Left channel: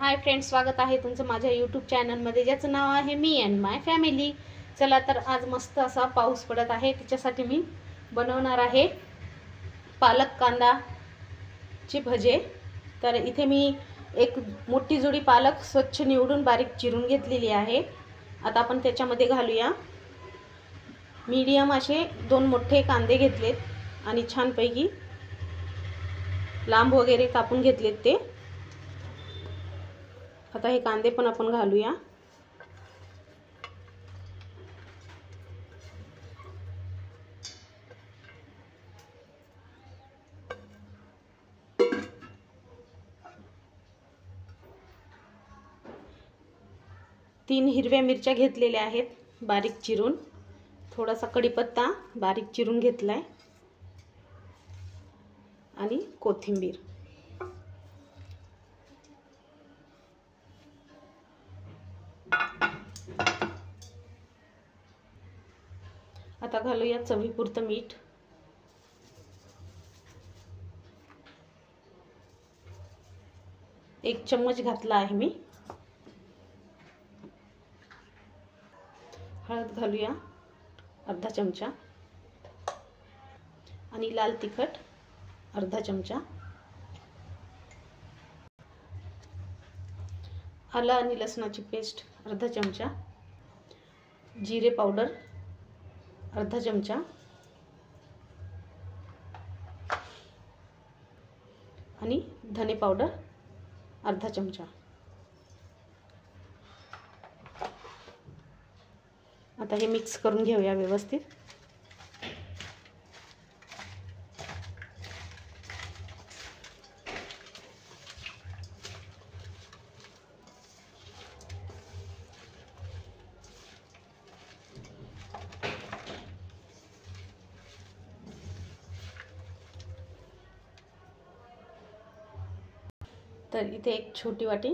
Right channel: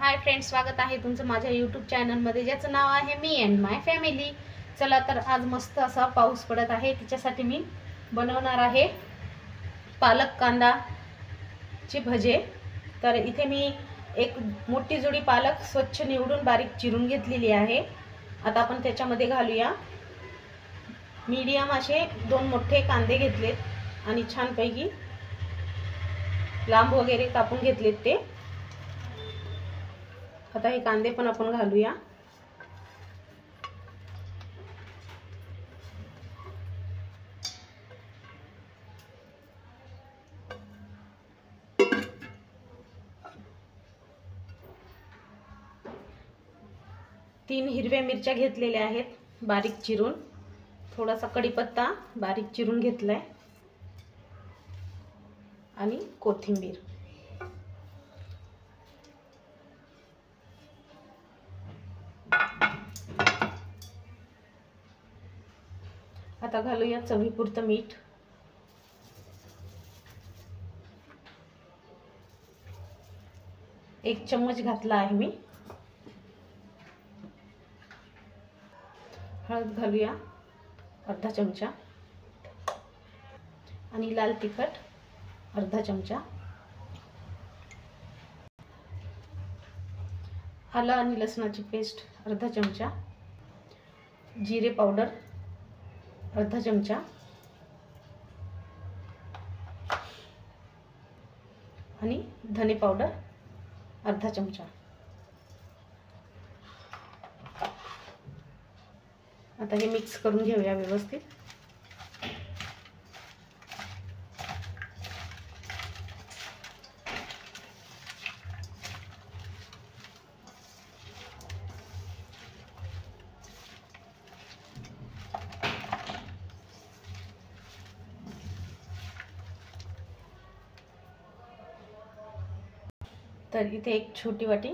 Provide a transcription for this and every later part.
Hi friends, स्वागत आहे तुमचं माझ्या यूट्यूब चॅनलमध्ये ज्याचं नाव आहे मी अँड माय फॅमिली। चला तर आज मस्त असा पाऊस पडत आहे, त्याच्यासाठी मी बनवणार आहे पालक कांदाचे भजे। तर इथे मी एक मोठी जोडी पालक स्वच्छ निवडून बारीक चिरून घेतलेली आहे। आता आपण त्याच्यामध्ये घालूया मीडियम असे 2 मोठे कांदे घेतलेत आणि छानपैकी लांब वगैरे कापून घेतलेत ते। आता हे कांदे पण आपण घालूया। तीन हिरव्या मिरच्या घेतलेल्या आहेत बारीक चिरून, थोडासा कढीपत्ता बारीक चिरून घेतलाय आणि कोथिंबीर। आता घालूया चवीपुरतं मीठ। एक चम्मच घातला आहे मी। हळद घालूया अर्धा चमचा आणि लाल तिखट अर्धा चमचा। आलं आणि लसणाची पेस्ट अर्धा चमचा, जिरे पावडर अर्धा चमचा आणि धने पावडर अर्धा चमचा। आता हे मिक्स करून घेऊया व्यवस्थित। तर इथे एक छोटी वाटी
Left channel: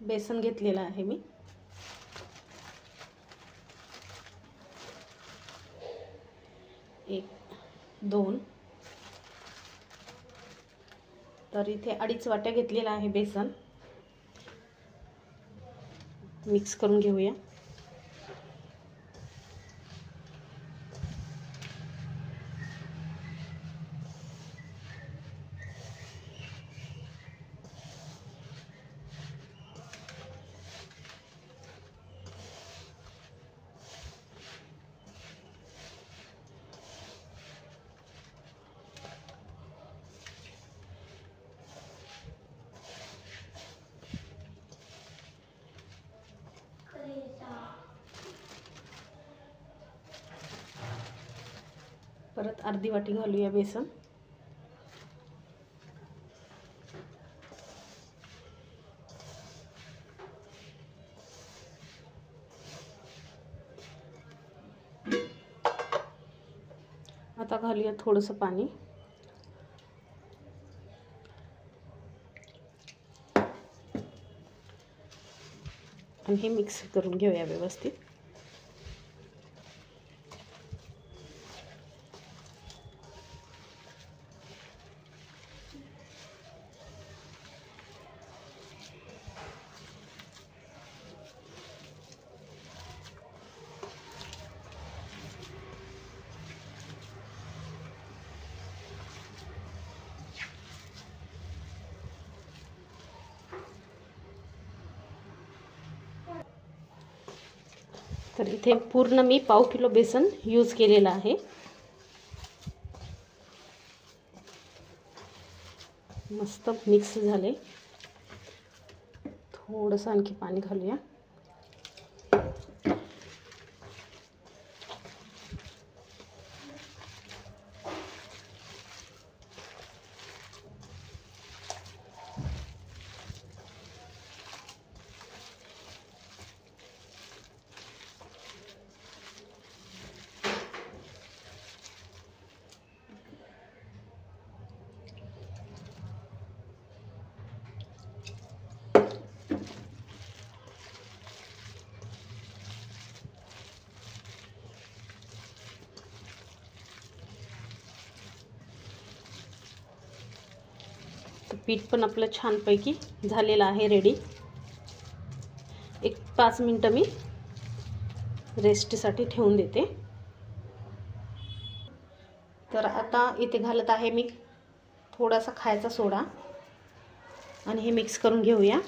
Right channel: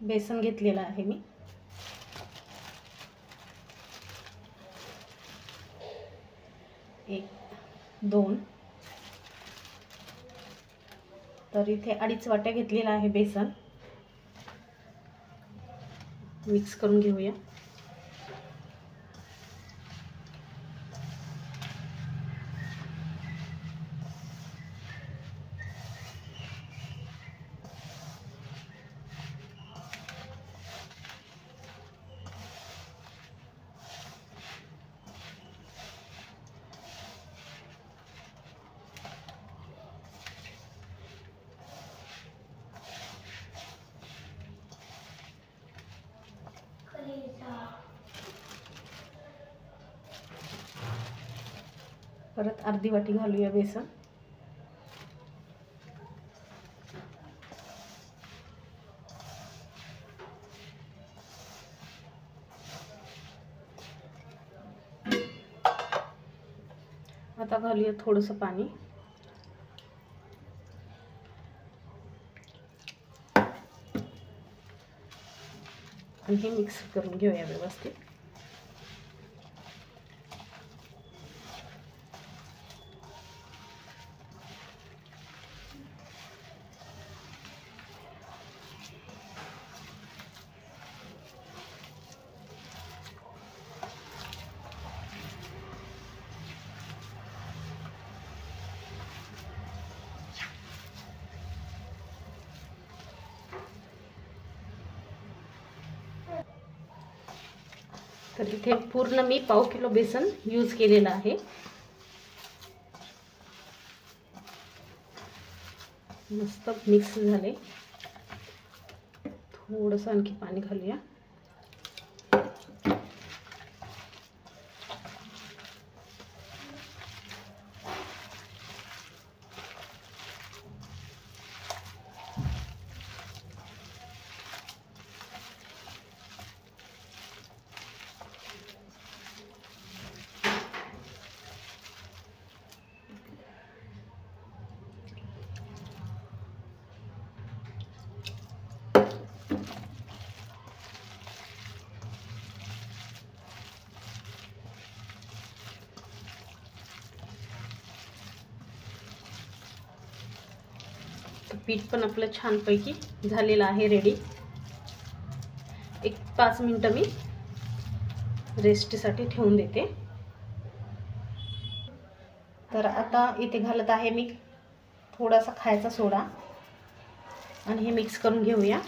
बेसन घेतलेला आहे मी। एक 2 तर इथे 2.5 वाट्या घेतलेला आहे बेसन। मिक्स करून घेऊया। परत अर्धी वाटी घालूया बेसन। आता घालूया थोडंसं पाणी। आणि हे मिक्स करून घेऊया व्यवस्थित। तर इथे पूर्ण मी पाव किलो बेसन यूज केलेलं आहे। मस्त मिक्स झाले। थोडंसं आणखी पाणी घालूया। पीठ पण आपलं छानपैकी झालेलं आहे रेडी। एक 5 मिनिटं मी रेस्टसाठी ठेवून देते। तर आता इथे घालत आहे मी थोडासा खायचा सोडा आणि हे मिक्स करून घेऊया।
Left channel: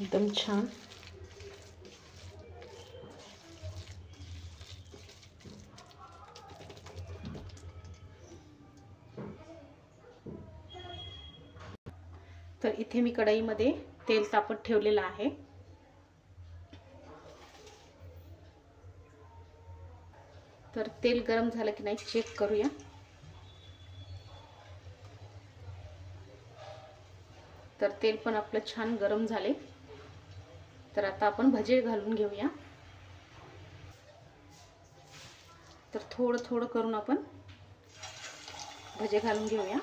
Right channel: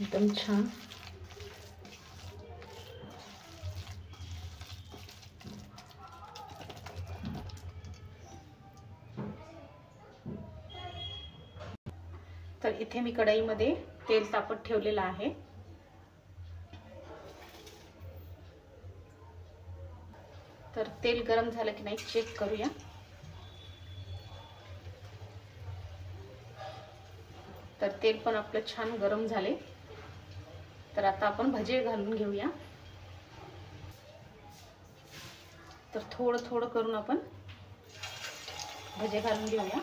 एकदम छान तर इथे मी कढईमध्ये तेल तापत ठेवलेलं आहे। तर तेल गरम झालं की नाही चेक करूया। तर तेल पण आपलं छान गरम झाले। तर आता आपण भजे घालून घेऊया। तर थोडं थोडं करून आपण भजे घालून घेऊया।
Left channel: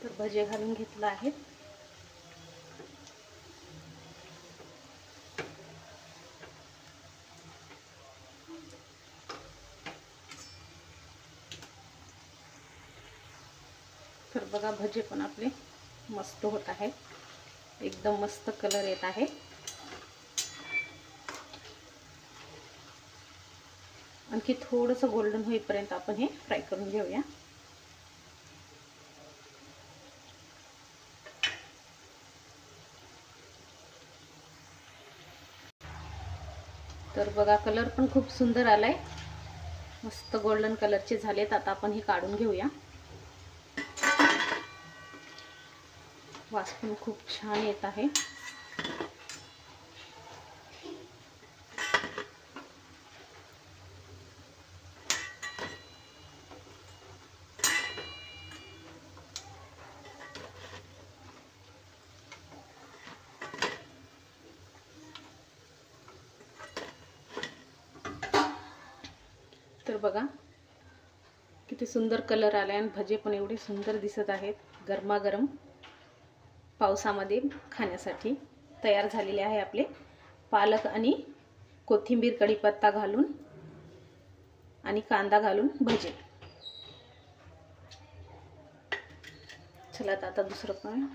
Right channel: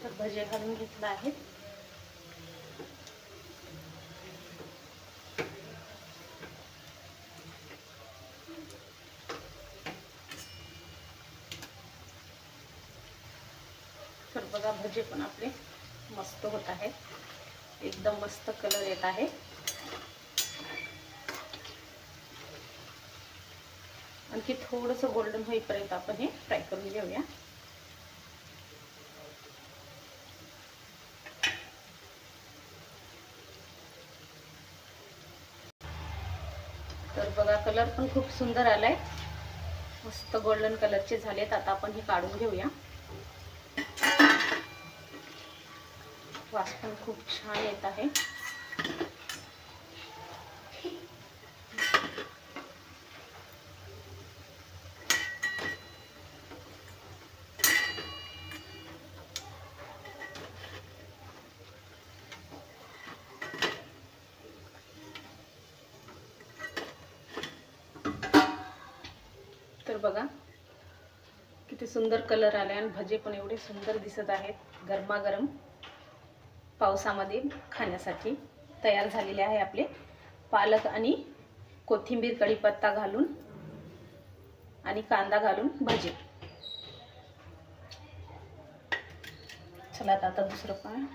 तर भजे घालून घेतलं आहे। तर बघा भजे पण आपले मस्त होत आहे। एकदम मस्त कलर येत आहे। आणखी थोडंसं गोल्डन होईपर्यंत आपण हे फ्राय करून घेऊया। तर बघा कलर पण खूप सुंदर आलाय, मस्त गोल्डन कलरचे झालेत। आता आपण हे काढून घेऊया। वास पण खूप छान येत आहे। तर बघा किती सुंदर कलर आले आणि भजे पण एवढे सुंदर दिसत आहेत। गरमागरम पावसामध्ये खाण्यासाठी तयार झालेले आहे आपले पालक आणि कोथिंबीर कढीपत्ता घालून आणि कांदा घालून भजे। चला आता दुसरं पण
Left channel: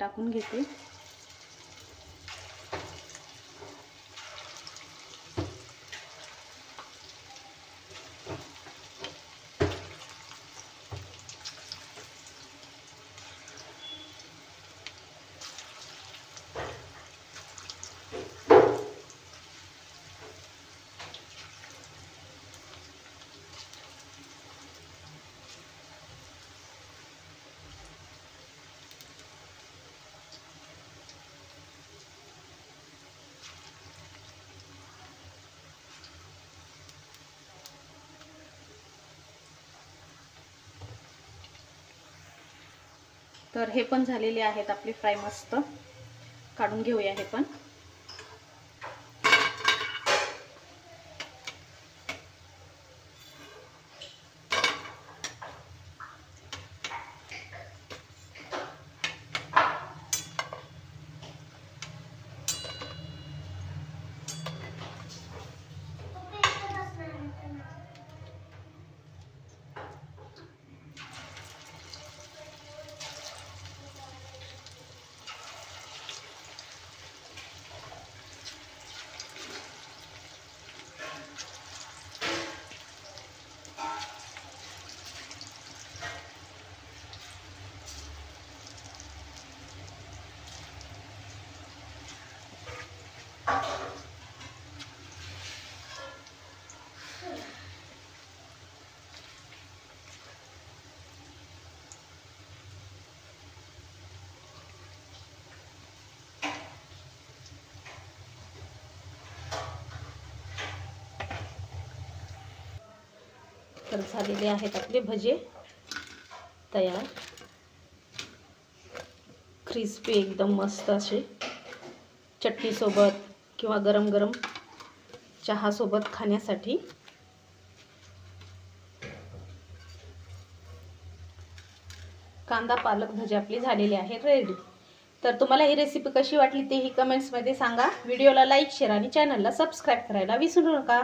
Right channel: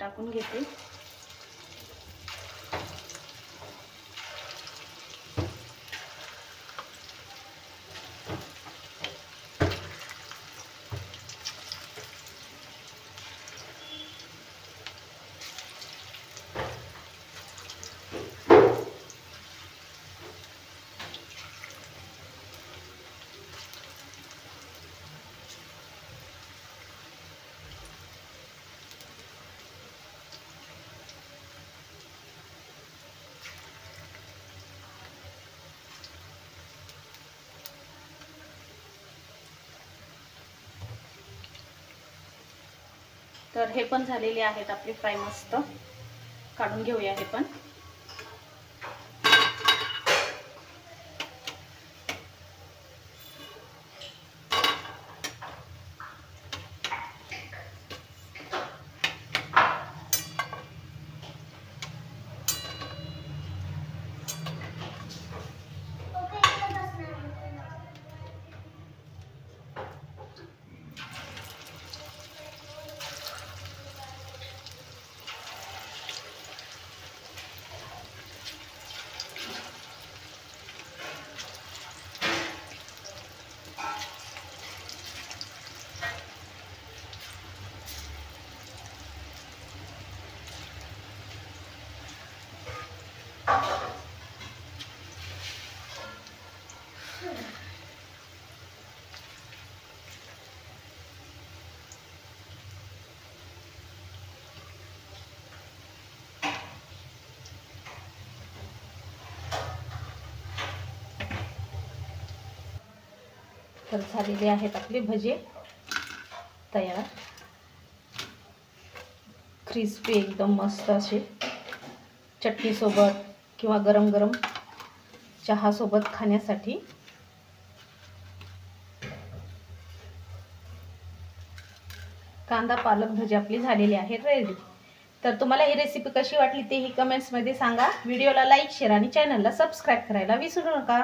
टाकून घेते। तर हे पण झालेले आहेत आपले फ्राय, मस्त काढून घेऊया हे पण। तर झालेले आहेत आपले भजे तयार, क्रिस्पी एकदम मस्त असे, चटणी सोबत किंवा गरम गरम चहा सोबत खाण्यासाठी। कांदा पालक भजी आपली झालेली आहे रेडी। तर तुम्हाला ही रेसिपी कशी वाटली तेही कमेंट्स मध्ये सांगा। व्हिडिओला लाईक, शेअर आणि चॅनलला सबस्क्राईब करायला विसरू नका।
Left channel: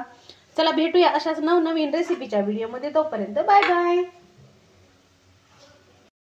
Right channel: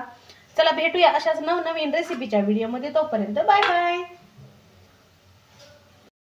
चला भेटूया अशाच नवनवीन रेसिपीच्या व्हिडिओमध्ये, तोपर्यंत बाय बाय।